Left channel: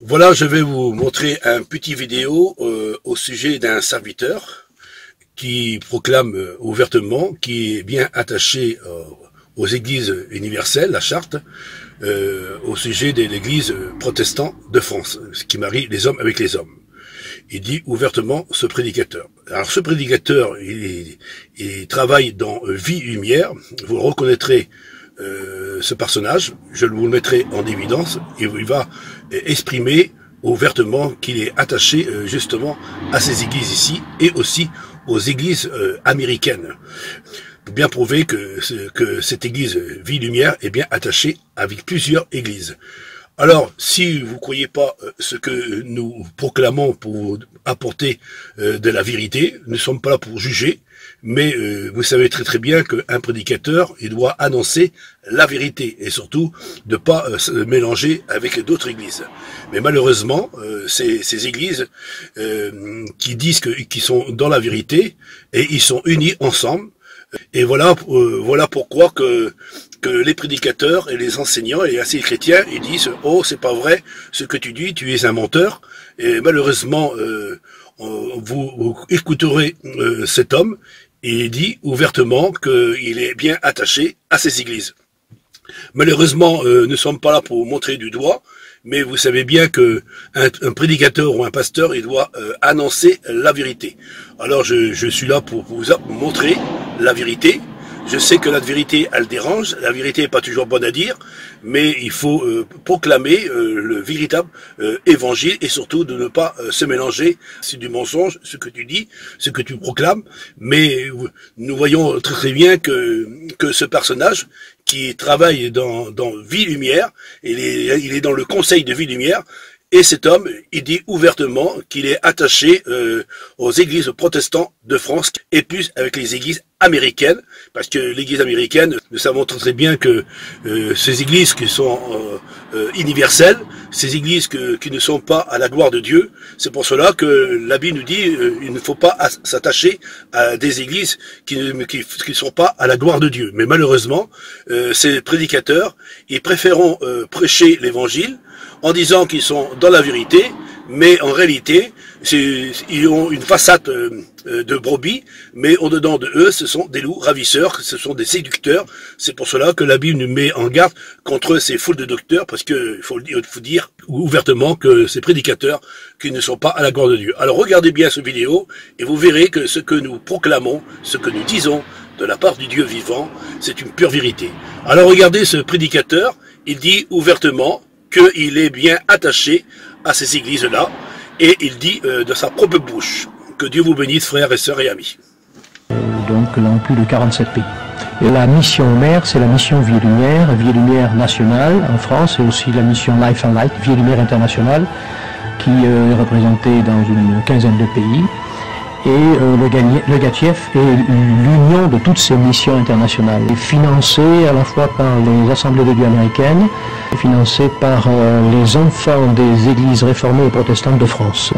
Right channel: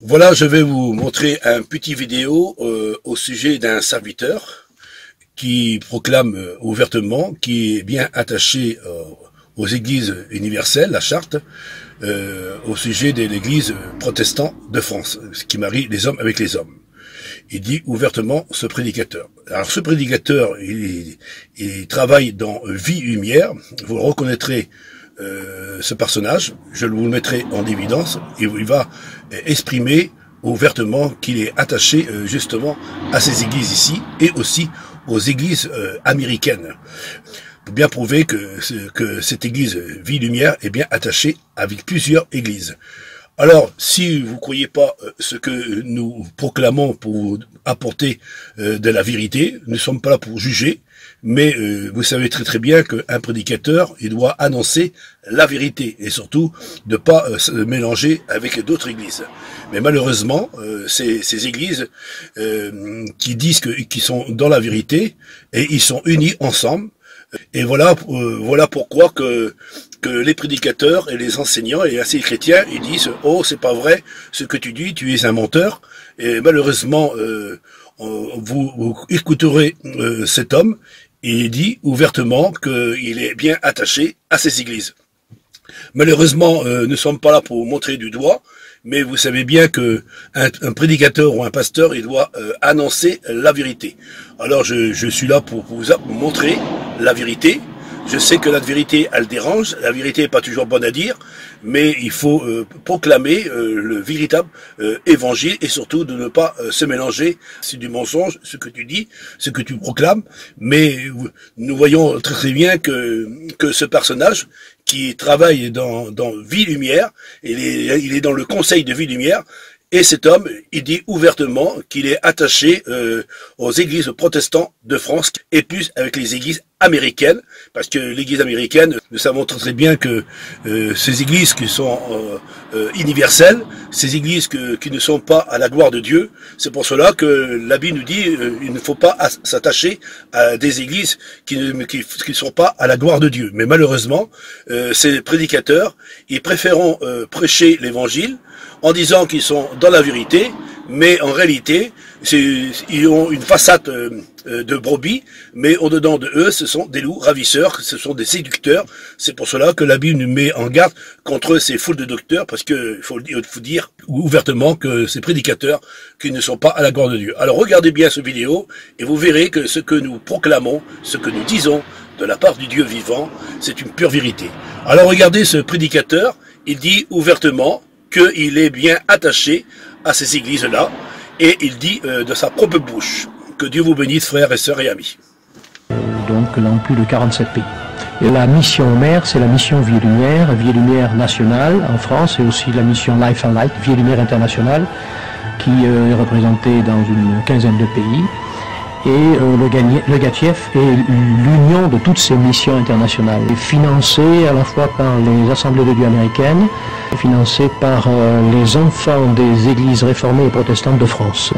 Voilà, je vais vous montrer un petit vidéo au sujet d'un serviteur qui proclame ouvertement, qui est bien attaché aux églises universelles, la charte, au sujet de l'église protestante de France, ce qui marie les hommes avec les hommes. Il dit ouvertement ce prédicateur. Alors ce prédicateur, il travaille dans Vie Lumière, vous reconnaîtrez ce personnage, je vous le mettrai en évidence, et il va exprimer ouvertement qu'il est attaché justement à ces églises ici et aussi aux églises américaines. Pour bien prouver que cette église Vie Lumière est bien attachée avec plusieurs églises. Alors, si vous ne croyez pas ce que nous proclamons pour apporter de la vérité, nous ne sommes pas là pour juger, mais vous savez très très bien qu'un prédicateur, il doit annoncer la vérité et surtout de pas se mélanger avec d'autres églises. Mais malheureusement, ces églises qui disent qu'ils sont dans la vérité et ils sont unis ensemble. Et voilà pourquoi que les prédicateurs et les enseignants et les chrétiens, ils disent « Oh, c'est pas vrai, ce que tu dis, tu es un menteur ». Et malheureusement, vous écouterez cet homme, et il dit ouvertement qu'il est bien attaché à ces églises. Malheureusement, nous ne sommes pas là pour montrer du doigt, mais vous savez bien que un prédicateur ou un pasteur, il doit annoncer la vérité. Alors je suis là pour vous montrer la vérité. Je sais que la vérité, elle dérange, la vérité n'est pas toujours bonne à dire, mais il faut proclamer le véritable évangile et surtout de ne pas se mélanger. C'est du mensonge, ce que tu dis, ce que tu proclames, mais nous voyons très très bien que ce personnage qui travaille dans Vie Lumière, il est dans le conseil de Vie Lumière, et cet homme, il dit ouvertement qu'il est attaché aux églises protestantes de France et plus avec les églises américaines, parce que l'église américaine, nous savons très bien que ces églises qui sont universelles, ces églises qui ne sont pas à la gloire de Dieu, c'est pour cela que la Bible nous dit il ne faut pas s'attacher à des églises qui ne sont pas à la gloire de Dieu. Mais malheureusement, ces prédicateurs, ils préféreront prêcher l'évangile en disant qu'ils sont dans la vérité, mais en réalité, ils ont une façade de brebis, mais au-dedans de eux, ce sont des loups ravisseurs, ce sont des séducteurs. C'est pour cela que la Bible nous met en garde contre ces foules de docteurs, parce que il faut dire ouvertement que ces prédicateurs qui ne sont pas à la gloire de Dieu. Alors regardez bien cette vidéo, et vous verrez que ce que nous proclamons, ce que nous disons de la part du Dieu vivant, c'est une pure vérité. Alors regardez ce prédicateur, il dit ouvertement qu'il est bien attaché à ces églises-là, et il dit de sa propre bouche. Que Dieu vous bénisse, frères et sœurs et amis. Donc dans plus de 47 pays. Et la mission mère, c'est la mission Vie Lumière nationale en France, et aussi la mission Life and Light, Vie Lumière internationale, qui est représentée dans une quinzaine de pays. Et le GATIEF est l'union de toutes ces missions internationales, financée à la fois par les Assemblées de Dieu américaines, financée par les enfants des églises réformées et protestantes de France.